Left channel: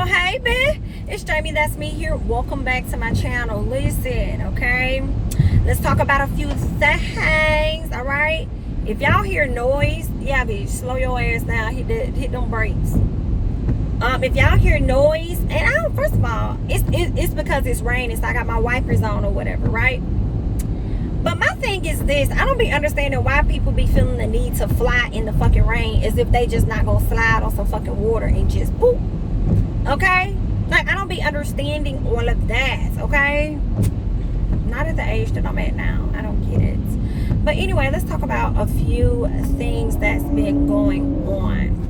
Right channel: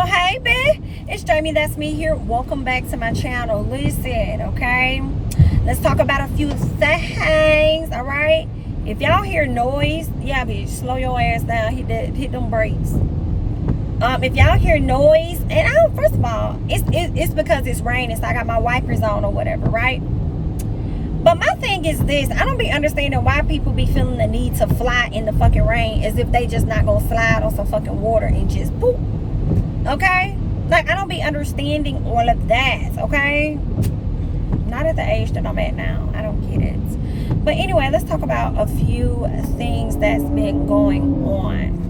Well, hey, babe. It's Jamie, that's me here. Welcome back to my channel. Listen, okay? Let's talk about a few things, all right? If y'all hear noise, yeah, bitch, slow your ass down. Hit them brakes. If y'all hear noise, and I don't, first of all, it's because it's raining, so I got my wipers on or whatever, right? But my thing is this, I don't be understanding why people be feeling the need to fly in the fucking rain as if they just not gonna slide on some fucking water and just boop. Okay? Like, I don't be understanding all of that, okay? Not at the age that I'm at now. I don't get it. But anyway, let's talk about a few things that's been going on.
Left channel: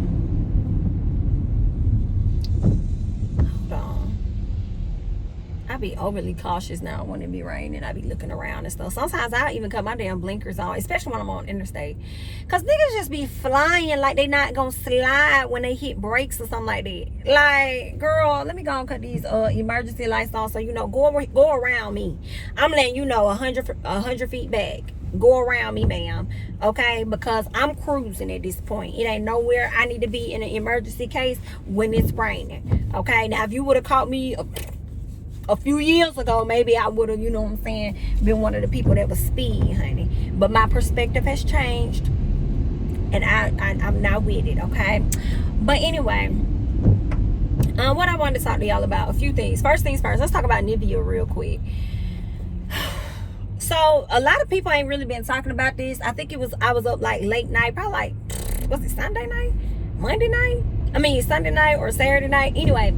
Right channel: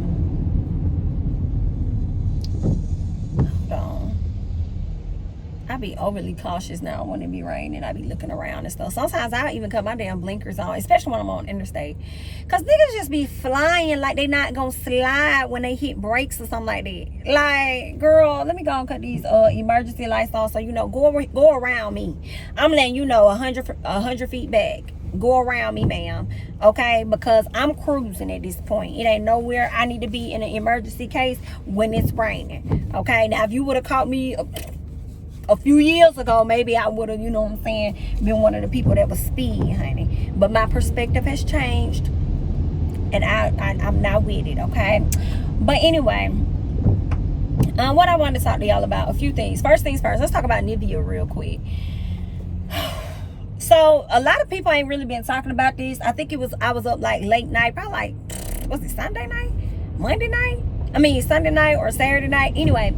Hold on. I be overly cautious now when it be raining. I be looking around and stuff. Sometimes I even cut my damn blinkers on, especially when I'm on interstate. Because niggas just be flying like they not going to slide when they hit brakes or something like that. Like, girl, let me go and cut these emergency lights on so you know, go around me. I'm letting you know 100 feet back. Go around me, ma'am. Okay? Because I'm cruising at this point. It ain't nowhere I need to be in an emergency case when it's raining. Okay? Now, if you would have caught me a few years ago, maybe I would have, you know what I'm saying, been one of the people that was speed, honey. But my perspective has changed, and I'm not with it, okay? But anyway, what I wanted to talk to y'all about, a few things. First things first, let's talk about Nivea real quick. So a lot of people ain't really been talking about this. I think I was up like late night, probably like, was it Sunday night? Monday night? I mean, Sunday night or Saturday night. Anyway,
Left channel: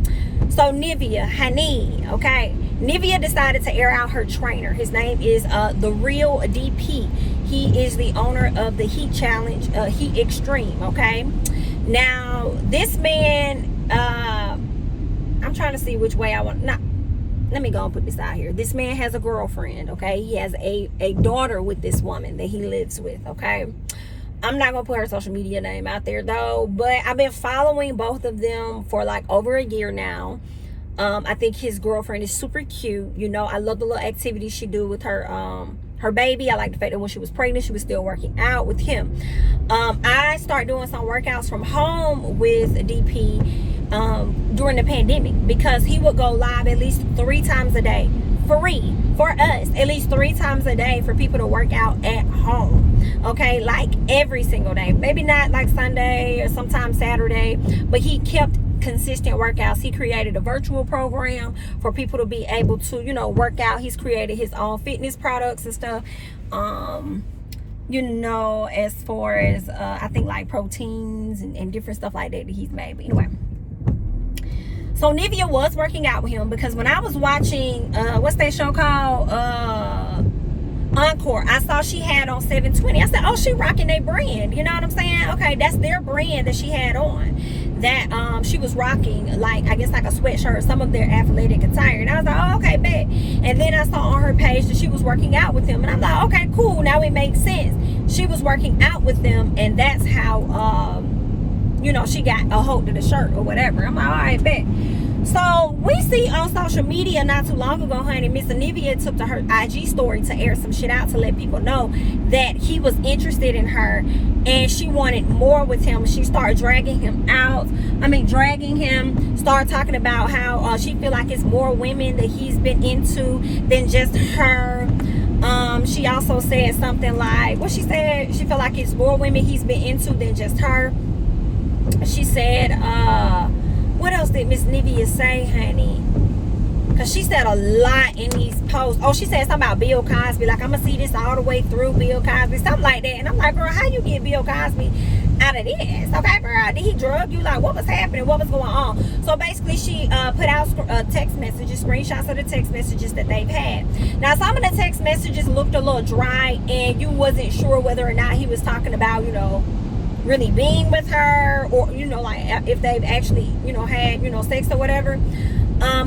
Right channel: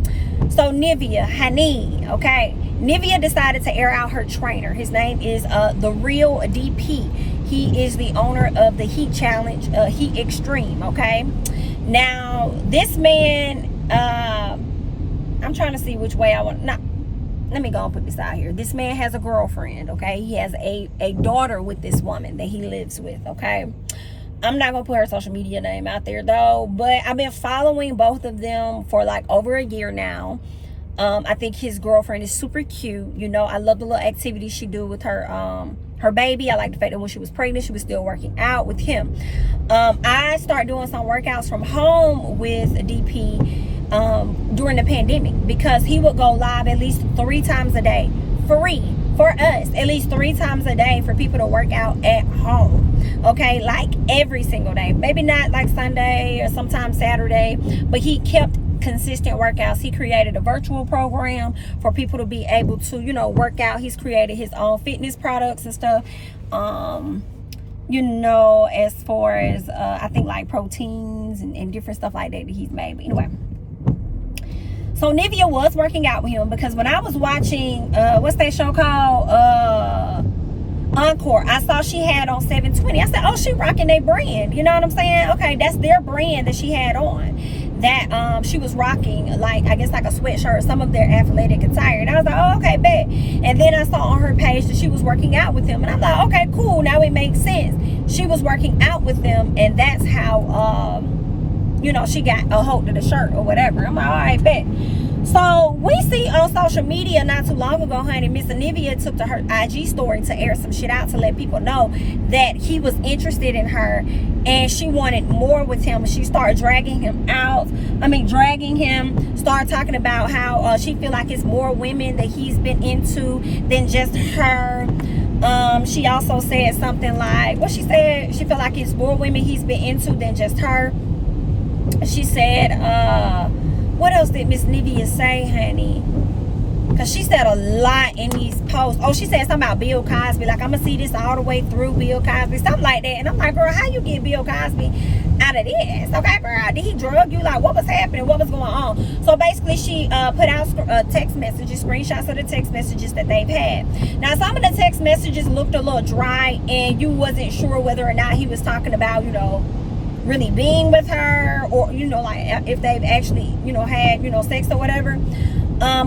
so Nivea, honey, okay? Nivea decided to air out her trainer. His name is the Real DP. He is the owner of the Heat Challenge, Heat Extreme, okay? Now, this man, I'm trying to see which way I want. Nah, let me go and put this out here. This man has a girlfriend, okay? He has a daughter with this woman that he lives with, okay? I'm not gonna put her social media name out there though, but I've been following both of them for like over a year now. I think his girlfriend is super cute. You know, I love the little activities she do with her baby. I like the fact that when she was pregnant, she was still working out with him. I started doing some workouts from home with DP during the pandemic because he would go live at least 3 times a day, free for us, at least 3 times a day for people to work out at home. Okay, like every single day, maybe not like Sunday or sometimes Saturday, but he kept consistent workouts. He created a virtual program for people to be able to, you know, work out. He's created his own fitness products and stuff, you know, as far as I think like proteins and different stuff like that he's made. But anyway, so Nivea was working out with him because when I was watching what's that show called, Encore, I saw she had on 720. I said, oh, she rocking their brand. You know what I'm saying? Okay, that's their brand that she had on. That she was rocking, like, I guess like a sweatshirt or some of their athletic attire. And I was like, oh, okay, bet. And then I saw on her page that she was working out with them. And I'm like, okay, cool. Now it makes sense. She was working out with them, and that's how, you know, she got a hold of the shirt or whatever. I'm like, all right, bet. So we see on social media not too long ago, honey, Miss Nivea took to her IG story to air some shit out to let people know that he was interested in her and she wanted more with him. She started dragging him, started talking about how she feel like it's more women that he's been into than just her. She also said something like, what she said, she feel like it's more women he's been into than just her. She said, what else did Miss Nivea say, honey? Because she said a lot in these posts. Oh, she said something about Bill Cosby. Like, I'm going to see this all the way through Bill Cosby. Something like that. And I'm like, girl, how you get Bill Cosby out of this? Okay, girl, did he drug you? Like, what was happening? What was going on? So, basically, she put out text messages, screenshots of the text messages that they've had. Now, some of the text messages looked a little dry, and you wasn't sure whether or not he was talking about, you know, really being with her, or, you know, like if they've actually, you know, had, you know, sex or whatever,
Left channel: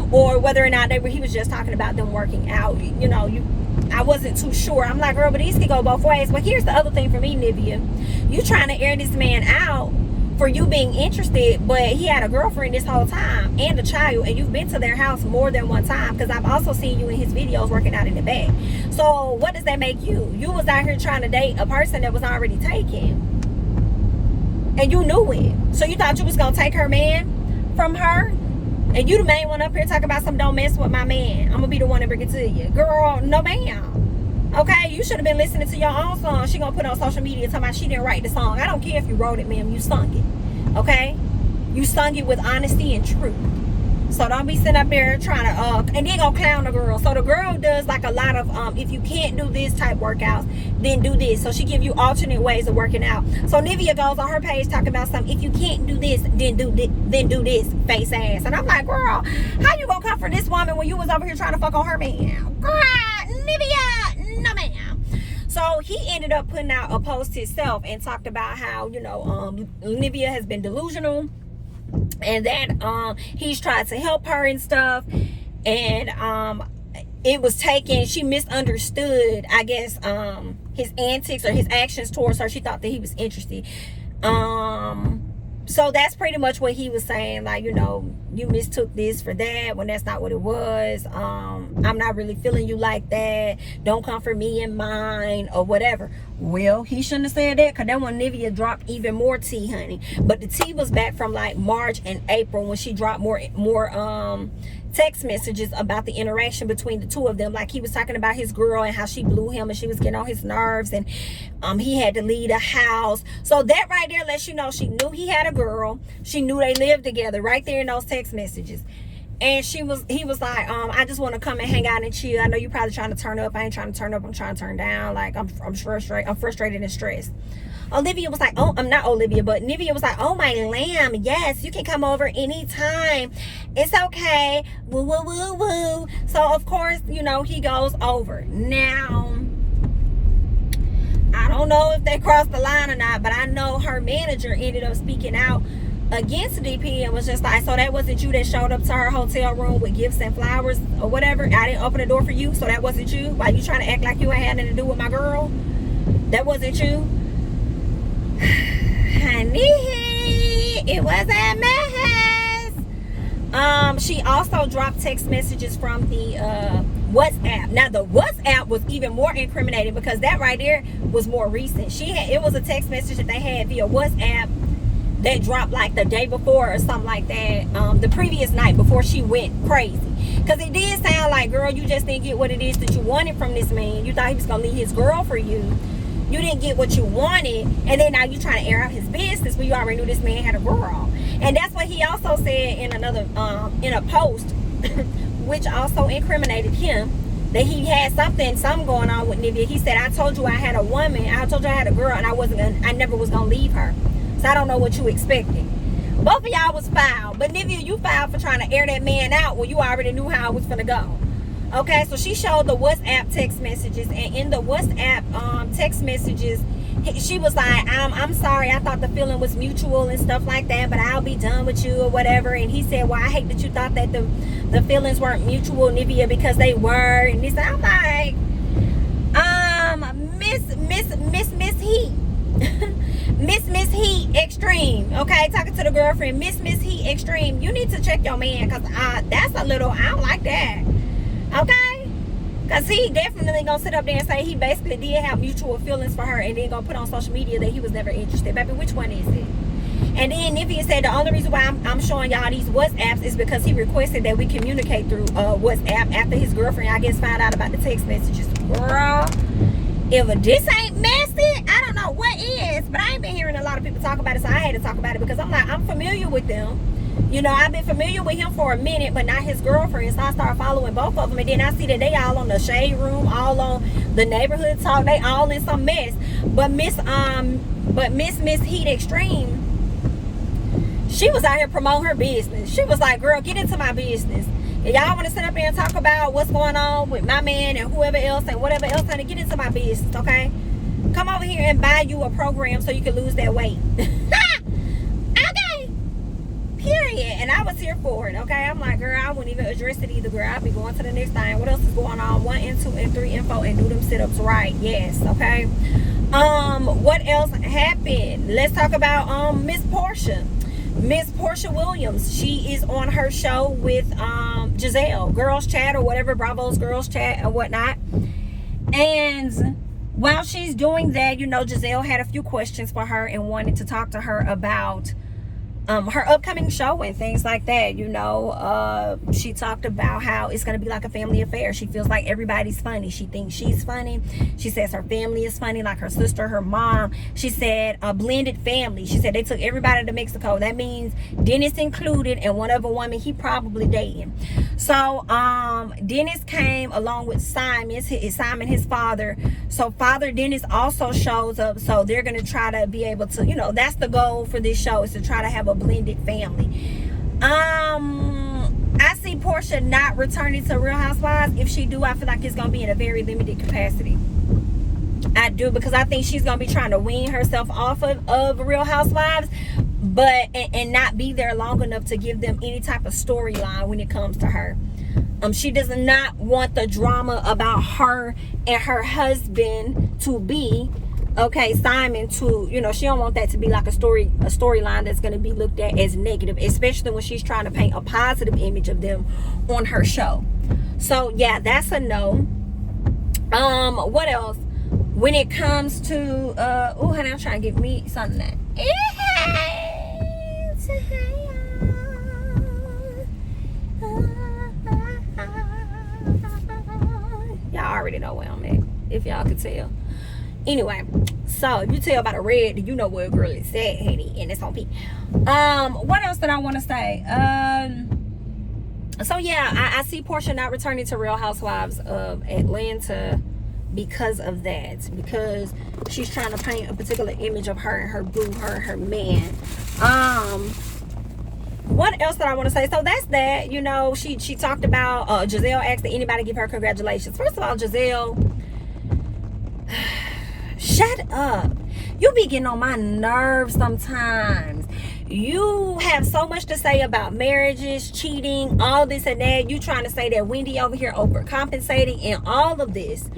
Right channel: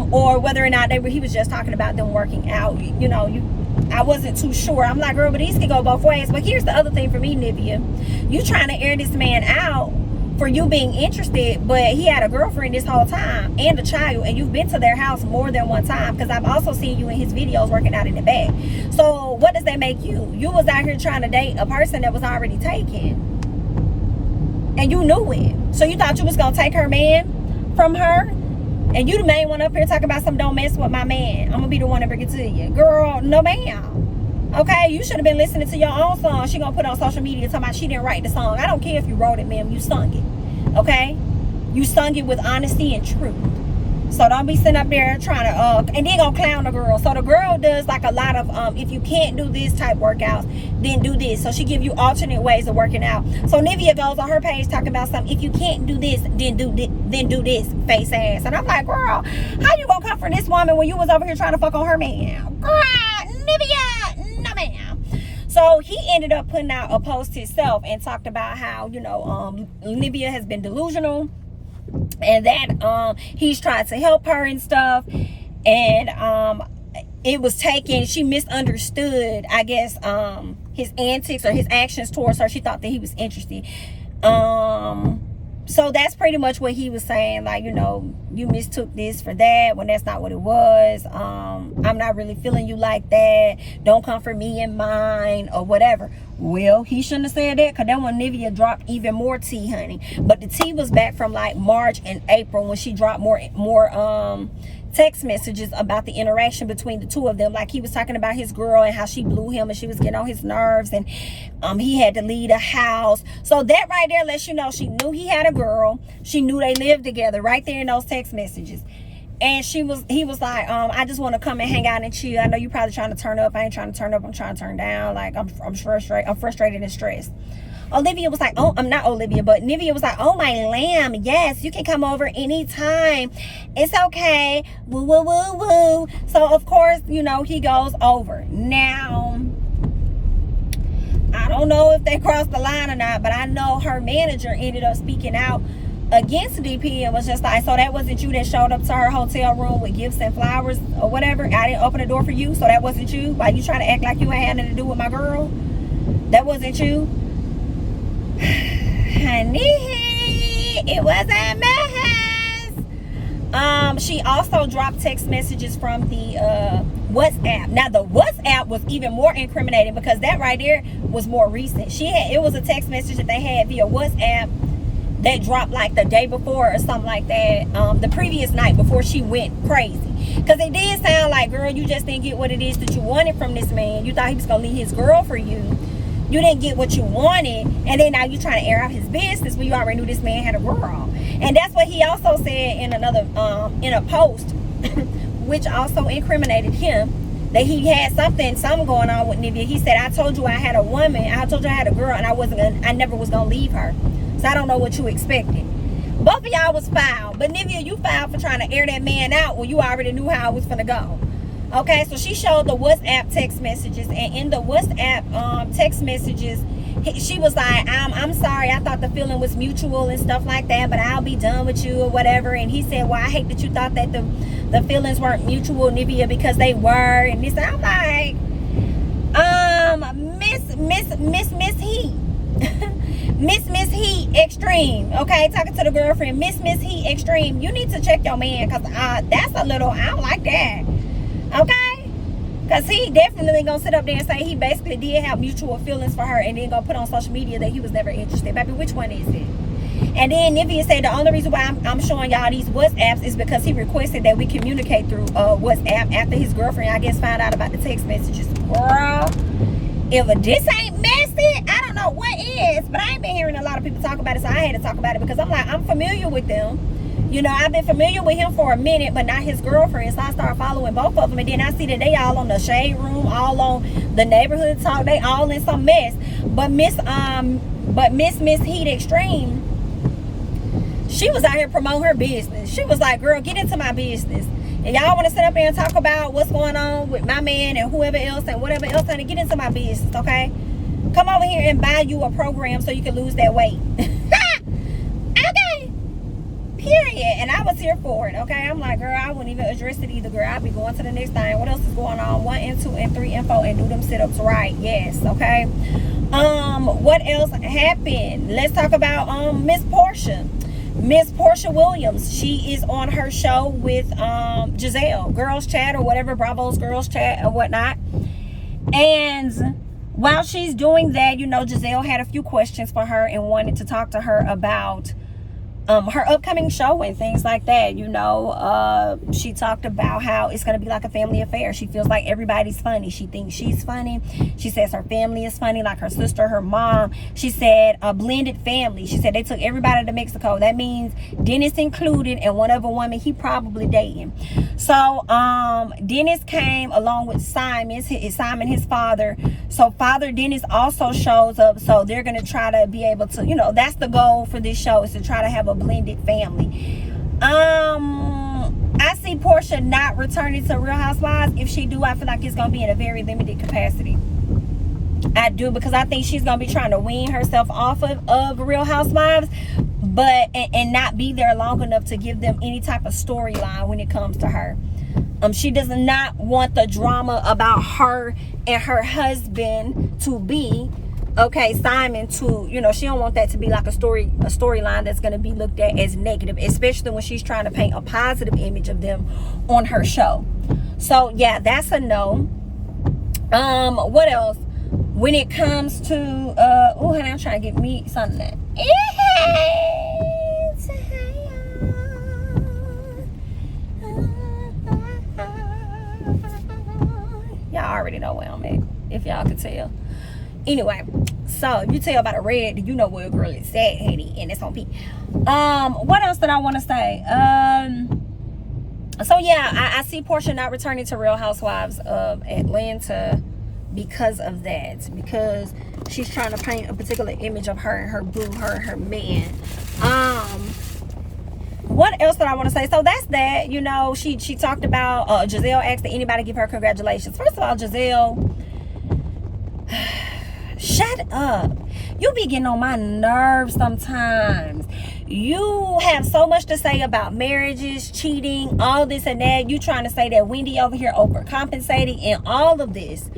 or whether or not he was just talking about them working out. You know, I wasn't too sure. I'm like, girl, but these can go both ways. But here's the other thing for me, Nivea, you trying to air this man out for you being interested, but he had a girlfriend this whole time and a child, and you've been to their house more than one time, because I've also seen you in his videos working out in the back. So what does that make you? You was out here trying to date a person that was already taken, and you knew it. So you thought you was gonna take her man from her? And you the main one up here talking about something, don't mess with my man. I'm gonna be the one to bring it to you. Girl, no ma'am. Okay, you should have been listening to your own song. She gonna put on social media talking about she didn't write the song. I don't care if you wrote it, ma'am. You sung it. Okay? You sung it with honesty and truth. So don't be sitting up there trying to and then gonna clown the girl. So the girl does like a lot of if you can't do this type workouts, then do this. So she give you alternate ways of working out. So Nivea goes on her page talking about something. If you can't do this, then do this, face ass. And I'm like, girl, how you gonna comfort this woman when you was over here trying to fuck on her man? Girl, Nivea, no ma'am. So he ended up putting out a post himself and talked about how, you know, Nivea has been delusional. And that he's trying to help her and stuff, and it was taken, she misunderstood, I guess, his antics or his actions towards her. She thought that he was interested. So that's pretty much what he was saying, like, you know, you mistook this for that when that's not what it was. I'm not really feeling you like that. Don't come for me and mine or whatever. Well, he shouldn't have said that, because then when Nivea dropped even more tea, honey. But the tea was back from like March and April when she dropped more text messages about the interaction between the two of them. Like he was talking about his girl and how she blew him and she was getting on his nerves, and he had to leave the house. So that right there lets you know she knew he had a girl. She knew they lived together right there in those text messages. And he was like, I just want to come and hang out and chill. I know you probably trying to turn up. I ain't trying to turn up. I'm trying to turn down. Like I'm frustrated. I'm frustrated and stressed. Olivia was like, oh, I'm not Olivia, but Nivea was like, oh my lamb, yes, you can come over anytime. It's okay. Woo, woo, woo, woo. So of course, you know, he goes over. Now, I don't know if they crossed the line or not, but I know her manager ended up speaking out against DP and was just like, so that wasn't you that showed up to her hotel room with gifts and flowers or whatever? I didn't open the door for you, so that wasn't you? Why you trying to act like you ain't had nothing to do with my girl? That wasn't you? Honey, it was a mess. She also dropped text messages from the WhatsApp. Now the WhatsApp was even more incriminating, because that right there was more recent. It was a text message that they had via WhatsApp that dropped like the day before or something like that, the previous night before she went crazy. Because it did sound like, girl, you just didn't get what it is that you wanted from this man. You thought he was gonna leave his girl for you. You didn't get what you wanted, and then now you trying to air out his business when you already knew this man had a girl. And that's what he also said in another in a post which also incriminated him, that he had something going on with Nivea. He said, I told you I had a woman, I told you I had a girl, and I never was gonna leave her. So I don't know what you expected. Both of y'all was foul, but Nivea, you foul for trying to air that man out when you already knew how it was gonna go. Okay, so she showed the WhatsApp text messages, and in the WhatsApp text messages, she was like, I'm sorry, I thought the feeling was mutual and stuff like that, but I'll be done with you or whatever. And he said, well, I hate that you thought that the feelings weren't mutual, Nivea, because they were. And this, I'm like, Miss Heat. Miss Heat Extreme, okay, talking to the girlfriend, Miss Heat Extreme, you need to check your man, because that's a little, I don't like that. Okay, because he definitely gonna sit up there and say he basically did have mutual feelings for her, and then gonna put on social media that he was never interested. Baby, which one is it? And then Nivea said the only reason why I'm showing y'all these WhatsApps is because he requested that we communicate through WhatsApp after his girlfriend, I guess, found out about the text messages. Girl, if this ain't messy, I don't know what is. But I ain't been hearing a lot of people talk about it, so I had to talk about it, because I'm like, I'm familiar with them. You know, I've been familiar with him for a minute, but not his girlfriend. So I started following both of them, and then I see that they all on the shade room, all on the neighborhood talk. They all in some mess. But Miss Heat Extreme, she was out here promoting her business. She was like, girl, get into my business. If y'all want to sit up here and talk about what's going on with my man and whoever else and whatever else, honey, get into my business, okay? Come over here and buy you a program so you can lose that weight. Okay. Period. And I was here for it, okay? I'm like, girl, I wouldn't even address it either, girl. I'd be going to the next thing. What else is going on? 1 and 2 and 3 info, and do them sit-ups right. Yes, okay? What else happened? Let's talk about Miss Porsha. Miss Porsha Williams, she is on her show with Gizelle, Girls Chat or whatever, Bravo's Girls Chat or whatnot. And while she's doing that, you know, Gizelle had a few questions for her and wanted to talk to her about her upcoming show and things like that. You know, she talked about how it's going to be like a family affair. She feels like everybody's funny. She thinks she's funny. She says her family is funny, like her sister, her mom. She said a blended family. She said they took everybody to Mexico. That means Dennis included, and one other woman he probably dating. So Dennis came along with Simon, his father. So Father Dennis also shows up. So they're going to try to be able to, you know, that's the goal for this show, is to try to have a blended family. I see Porsha not returning to Real Housewives. If she do, I feel like it's gonna be in a very limited capacity. I do, because I think she's gonna be trying to wean herself off of Real Housewives, but and not be there long enough to give them any type of storyline when it comes to her. She does not want the drama about her and her husband to be, okay, Simon, to, you know, she don't want that to be like a storyline that's going to be looked at as negative, especially when she's trying to paint a positive image of them on her show. So yeah, that's a no. What else? When it comes to oh honey, I'm trying to get me something that y'all already know where I'm at, if y'all could tell. Anyway, so if you tell by the red, you know where a girl is at, honey, and it's on P. What else did I want to say? So yeah, I see Porsha not returning to Real Housewives of Atlanta because of that, because she's trying to paint a particular image of her and her boo, her and her man. What else did I want to say? So that's that. You know, she talked about Gizelle asked that anybody give her congratulations. First of all, Gizelle, shut up. You be getting on my nerves sometimes. You have so much to say about marriages, cheating, all this and that. You trying to say that Wendy over here overcompensating and all of this.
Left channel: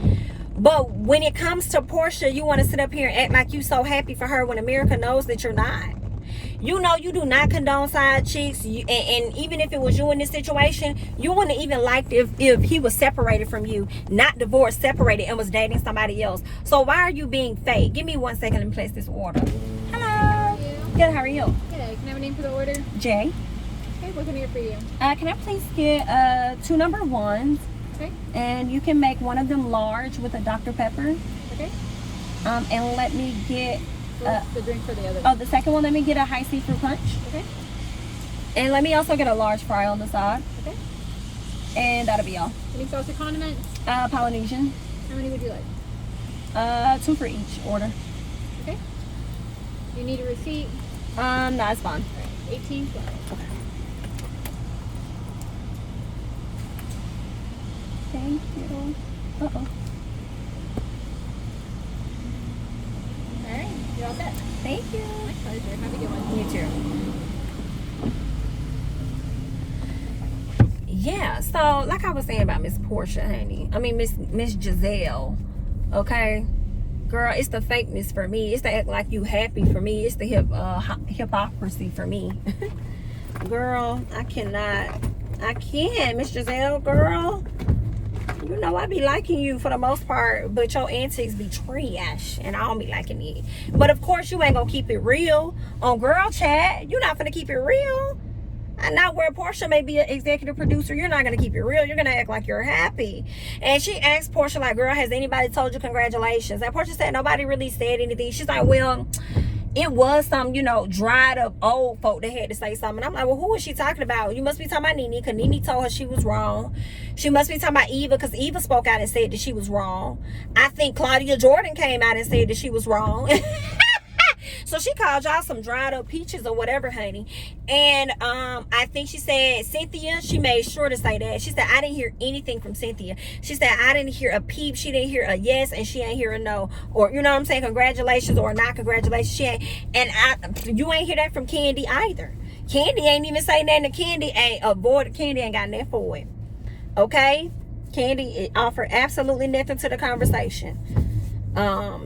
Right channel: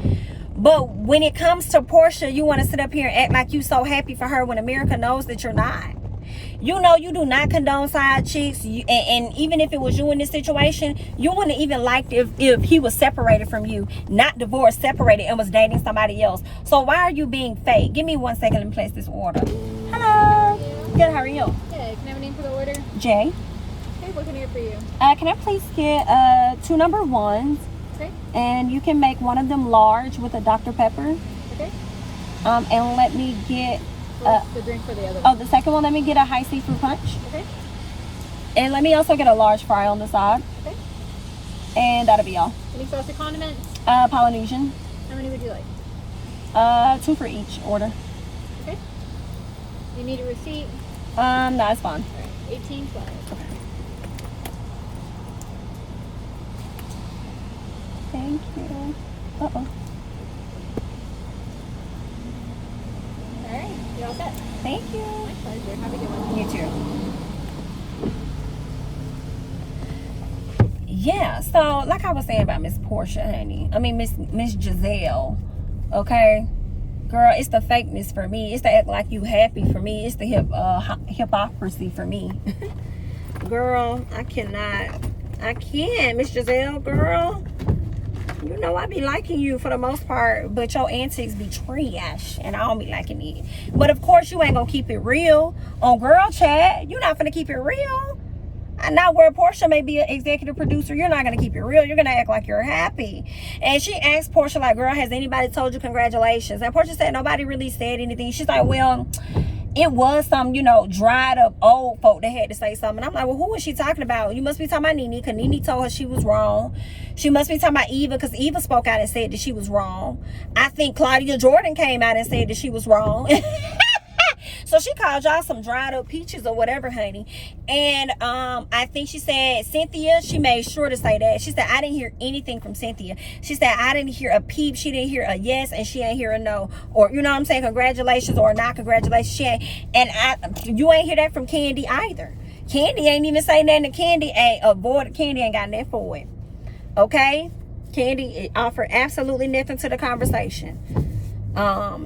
But when it comes to Porsha, you want to sit up here and act like you so happy for her when America knows that you're not. You know you do not condone side chicks, and even if it was you in this situation, you wouldn't even liked if he was separated from you, not divorced, separated, and was dating somebody else. So why are you being fake? Give me 1 second and place this order. Hello. Good, how are you? Good. Can I have a name for the order? Jay. Okay, what can I get for you? Can I please get 2 number 1s? Okay. And you can make one of them large with a Dr. Pepper. Okay. And let me get the drink for the other one? Oh, the second one, let me get a high C fruit punch. Okay. And let me also get a large fry on the side. Okay. And that'll be all. Any sauce or condiments? Polynesian. How many would you like? 2 for each order. Okay. Do you need a receipt? No, it's fine. 18 plus. Okay. Thank you. Uh-oh. Alright, you're all set. Thank you. My pleasure. Have a good one. You too. Yeah, so like I was saying about Miss Porsha, honey. I mean Miss Gizelle. Okay? Girl, it's the fakeness for me. It's the act like you happy for me. It's the hypocrisy for me. Girl, I can't. Miss Gizelle, girl. You know I be liking you for the most part, but your antics be trash, and I don't be liking it. But of course, you ain't gonna keep it real on Girl Chat. You're not gonna keep it real. And not where Porsha may be an executive producer, you're not gonna keep it real. You're gonna act like you're happy. And she asked Porsha, like, girl, has anybody told you congratulations? And Porsha said nobody really said anything. She's like, well, it was some, you know, dried up old folk that had to say something. And I'm like, well, who is she talking about? You must be talking about Nene, because Nene told her she was wrong. She must be talking about Eva, because Eva spoke out and said that she was wrong. I think Claudia Jordan came out and said that she was wrong. So she called y'all some dried up peaches or whatever, honey. And I think she said Cynthia, she made sure to say that. She said, I didn't hear anything from Cynthia. She said, I didn't hear a peep. She didn't hear a yes, and she ain't hear a no. Or, you know what I'm saying, congratulations or not congratulations. She ain't. And you ain't hear that from Candy either. Candy ain't even saying nothing to Candy. Candy ain't got nothing for it. Okay? Candy offered absolutely nothing to the conversation.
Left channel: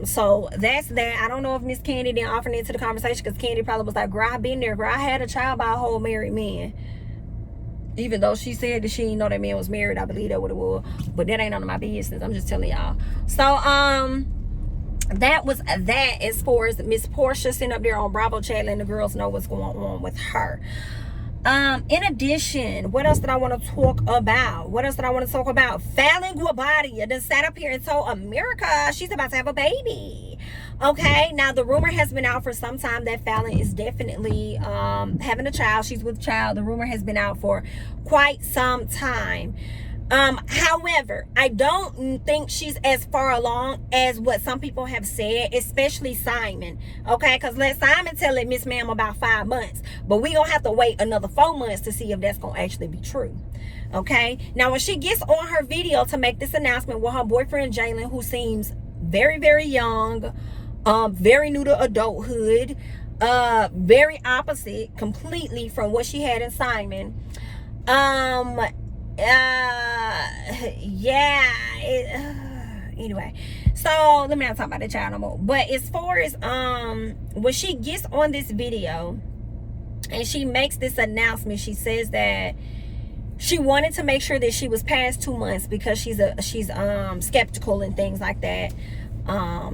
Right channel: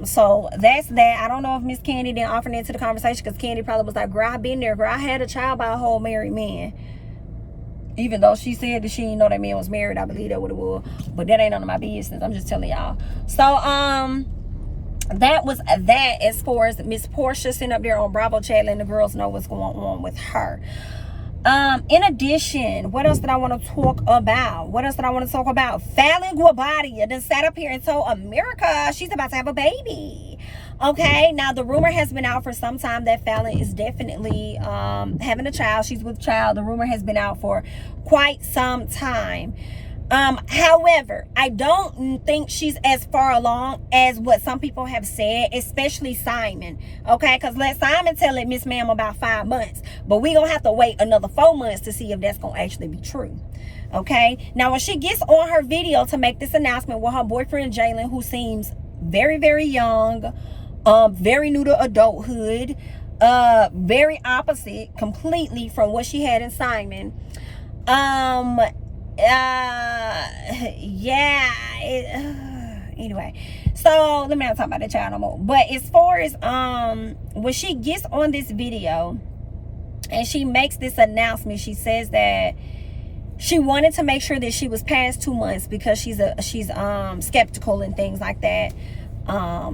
So that's that. I don't know if Miss Candy didn't offer that to the conversation, because Candy probably was like, girl, I been there, girl. I had a child by a whole married man. Even though she said that she didn't know that man was married, I believe that what it was. But that ain't none of my business. I'm just telling y'all. So that was that as far as Miss Porsha sitting up there on Bravo Channel and the girls know what's going on with her. In addition, what else did I want to talk about? Falynn Guobadia done sat up here and told America she's about to have a baby. Okay, now the rumor has been out for some time that Fallon is definitely having a child. She's with child. The rumor has been out for quite some time. However, I don't think she's as far along as what some people have said, especially Simon. Okay, because let Simon tell it, Miss Ma'am, about 5 months. But we're going to have to wait another 4 months to see if that's going to actually be true. Okay, now when she gets on her video to make this announcement with her boyfriend Jalen, who seems very, very young, very new to adulthood, very opposite completely from what she had in Simon. Anyway, so let me not talk about the child no more. But as far as when she gets on this video and she makes this announcement, she says that she wanted to make sure that she was past 2 months because she's skeptical and things like that.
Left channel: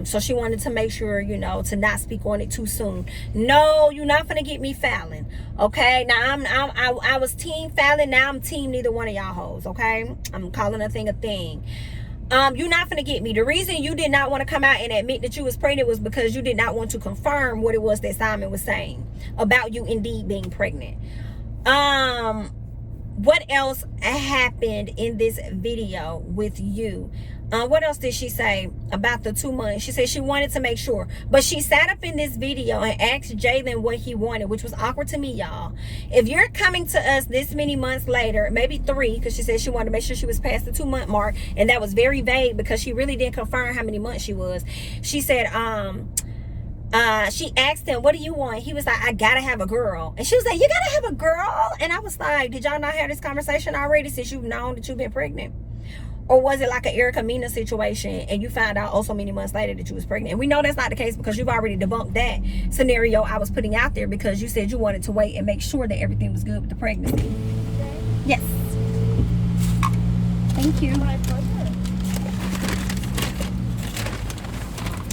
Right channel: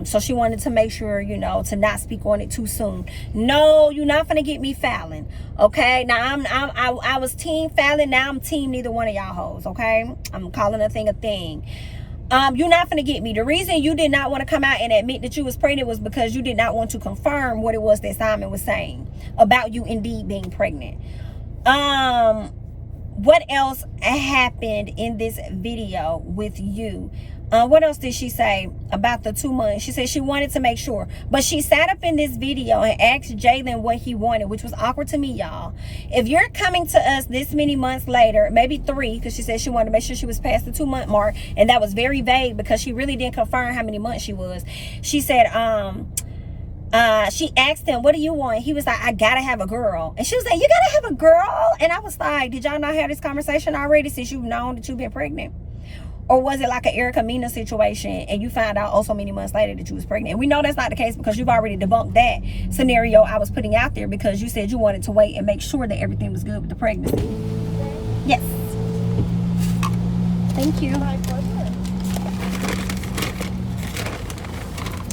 So she wanted to make sure, you know, to not speak on it too soon. No, you're not gonna get me Fallon. Okay, now I was team Fallon. Now I'm team neither one of y'all hoes. Okay, I'm calling a thing a thing. You're not gonna get me. The reason you did not want to come out and admit that you was pregnant was because you did not want to confirm what it was that Simon was saying about you indeed being pregnant. What else happened in this video with you? What else did she say about the 2 months? She said she wanted to make sure. But she sat up in this video and asked Jalen what he wanted, which was awkward to me, y'all. If you're coming to us this many months later, maybe 3, because she said she wanted to make sure she was past the 2 month mark. And that was very vague because she really didn't confirm how many months she was. She said, she asked him, what do you want? He was like, I gotta have a girl. And she was like, you gotta have a girl? And I was like, did y'all not have this conversation already since you've known that you've been pregnant? Or was it like an Erica Mina situation and you found out so many months later that you was pregnant? And we know that's not the case because you've already debunked that scenario I was putting out there because you said you wanted to wait and make sure that everything was good with the pregnancy. Yes. Thank you. My pleasure.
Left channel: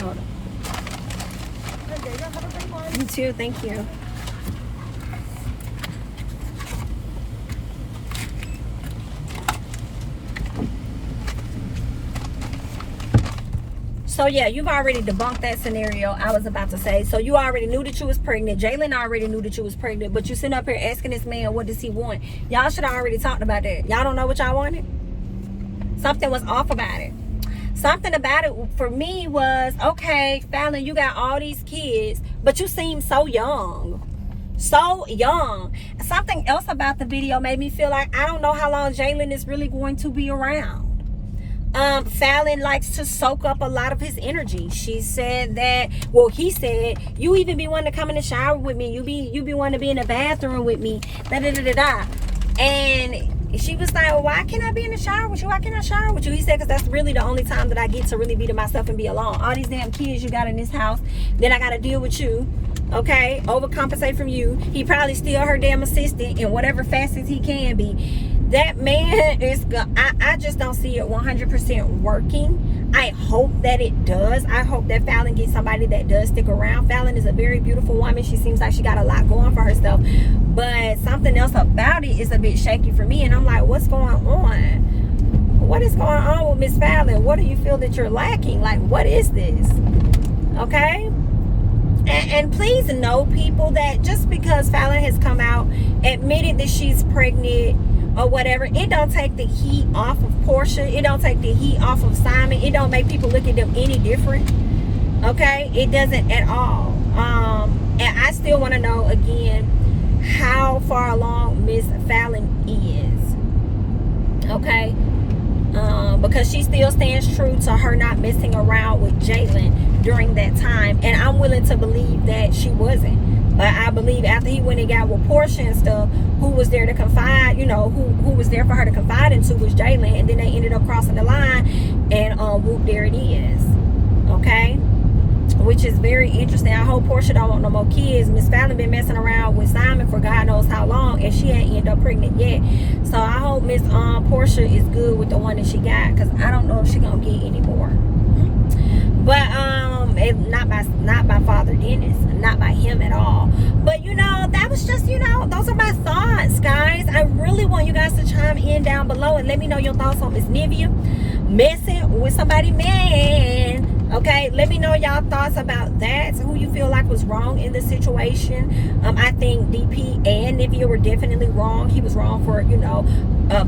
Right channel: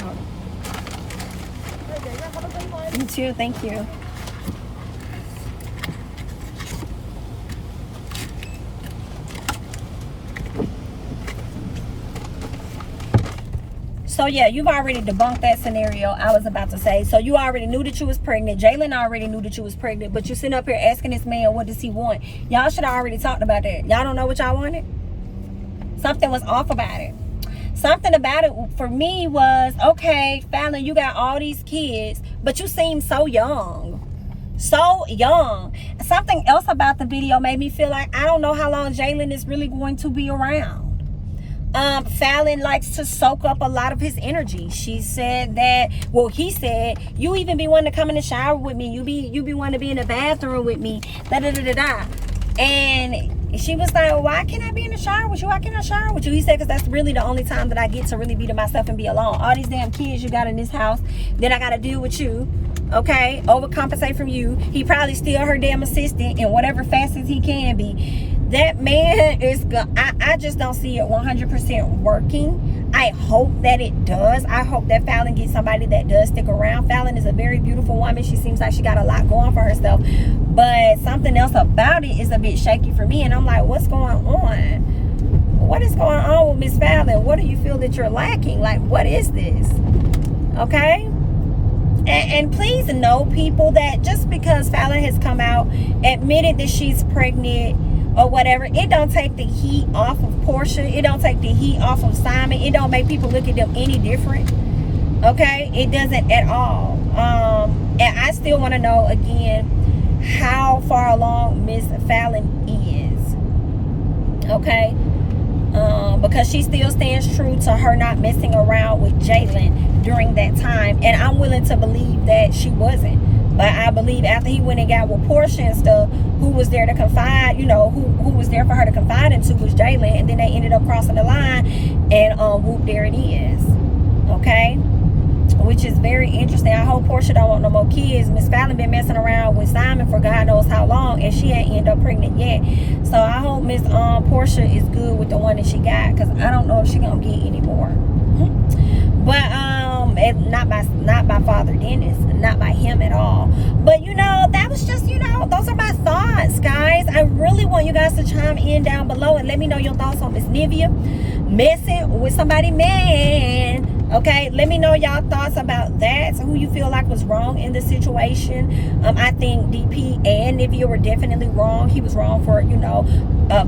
Hold on. Okay, have a great one. You too. Thank you. So yeah, you've already debunked that scenario I was about to say. So you already knew that you was pregnant. Jalen already knew that you was pregnant. But you sitting up here asking this man, what does he want? Y'all should have already talked about that. Y'all don't know what y'all wanted? Something was off about it. Something about it for me was, okay, Fallon, you got all these kids, but you seem so young. So young. Something else about the video made me feel like I don't know how long Jalen is really going to be around. Fallon likes to soak up a lot of his energy. She said that, well, he said, you even be wanting to come in the shower with me. You be wanting to be in the bathroom with me. And she was like, well, why can't I be in the shower with you? Why can't I shower with you? He said, because that's really the only time that I get to really be to myself and be alone. All these damn kids you got in this house, then I got to deal with you. Okay, overcompensate from you. He probably still her damn assistant in whatever facets he can be. That man is I just don't see it 100% working. I hope that it does. I hope that Fallon gets somebody that does stick around. Fallon is a very beautiful woman. She seems like she got a lot going for herself, but something else about it is a bit shaky for me. And I'm like, what's going on? What is going on with Miss Fallon? What do you feel that you're lacking? Like, what is this? Okay. And please know, people, that just because Fallon has come out, admitted that she's pregnant or whatever, it don't take the heat off of Porsha. It don't take the heat off of Simon. It don't make people look at them any different. Okay? It doesn't at all. And I still want to know, again, how far along Miss Fallon is. Okay? Because she still stands true to her not messing around with Jalen during that time. And I'm willing to believe that she wasn't. But I believe after he went and got with Porsha and stuff, who was there to confide, you know, who was there for her to confide into was Jalen. And then they ended up crossing the line. And whoop, there it is. Okay? Which is very interesting. I hope Porsha don't want no more kids. Miss Fallon been messing around with Simon for God knows how long, and she ain't end up pregnant yet. So I hope Miss Porsha is good with the one that she got, because I don't know if she gonna get any more. But and not by Father Dennis, not by him at all. But you know, that was just, you know, those are my thoughts, guys. I really want you guys to chime in down below and let me know your thoughts on Miss Nivea messing with somebody, man. Okay, let me know y'all thoughts about that. So who you feel like was wrong in the situation. I think DP and Nivea were definitely wrong. He was wrong for, you know,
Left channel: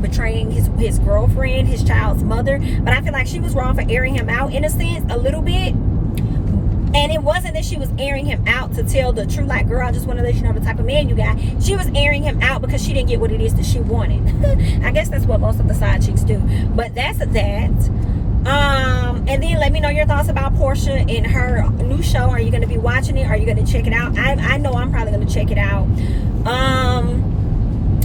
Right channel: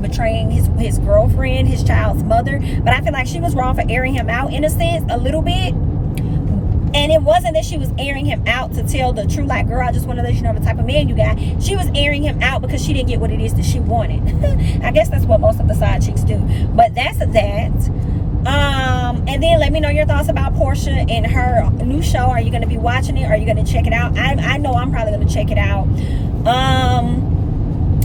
betraying his girlfriend, his child's mother. But I feel like she was wrong for airing him out in a sense, a little bit. And it wasn't that she was airing him out to tell the truth, like, girl, I just want to let you know the type of man you got. She was airing him out because she didn't get what it is that she wanted. I guess that's what most of the side chicks do. But that's that. And then let me know your thoughts about Porsha and her new show. Are you going to be watching it? Are you going to check it out? I know I'm probably going to check it out.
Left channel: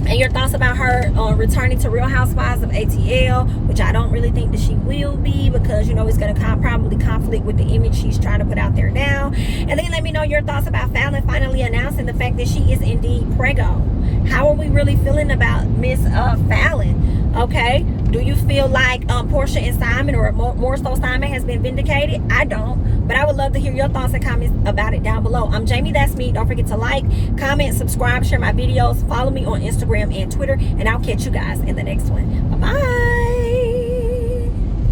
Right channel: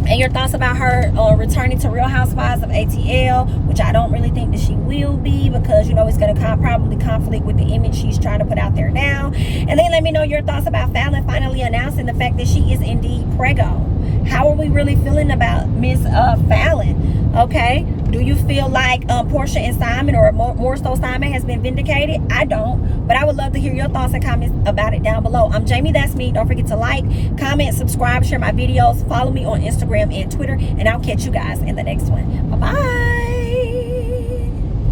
And your thoughts about her returning to Real Housewives of ATL, which I don't really think that she will be, because, you know, it's going to probably conflict with the image she's trying to put out there now. And then let me know your thoughts about Fallon finally announcing the fact that she is indeed preggo. How are we really feeling about Miss Fallon? Okay, do you feel like Porsha and Simon, or more so Simon, has been vindicated? I don't, but I would love to hear your thoughts and comments about it down below. I'm Jamie, that's me. Don't forget to like, comment, subscribe, share my videos, follow me on Instagram and Twitter, and I'll catch you guys in the next one. Bye bye.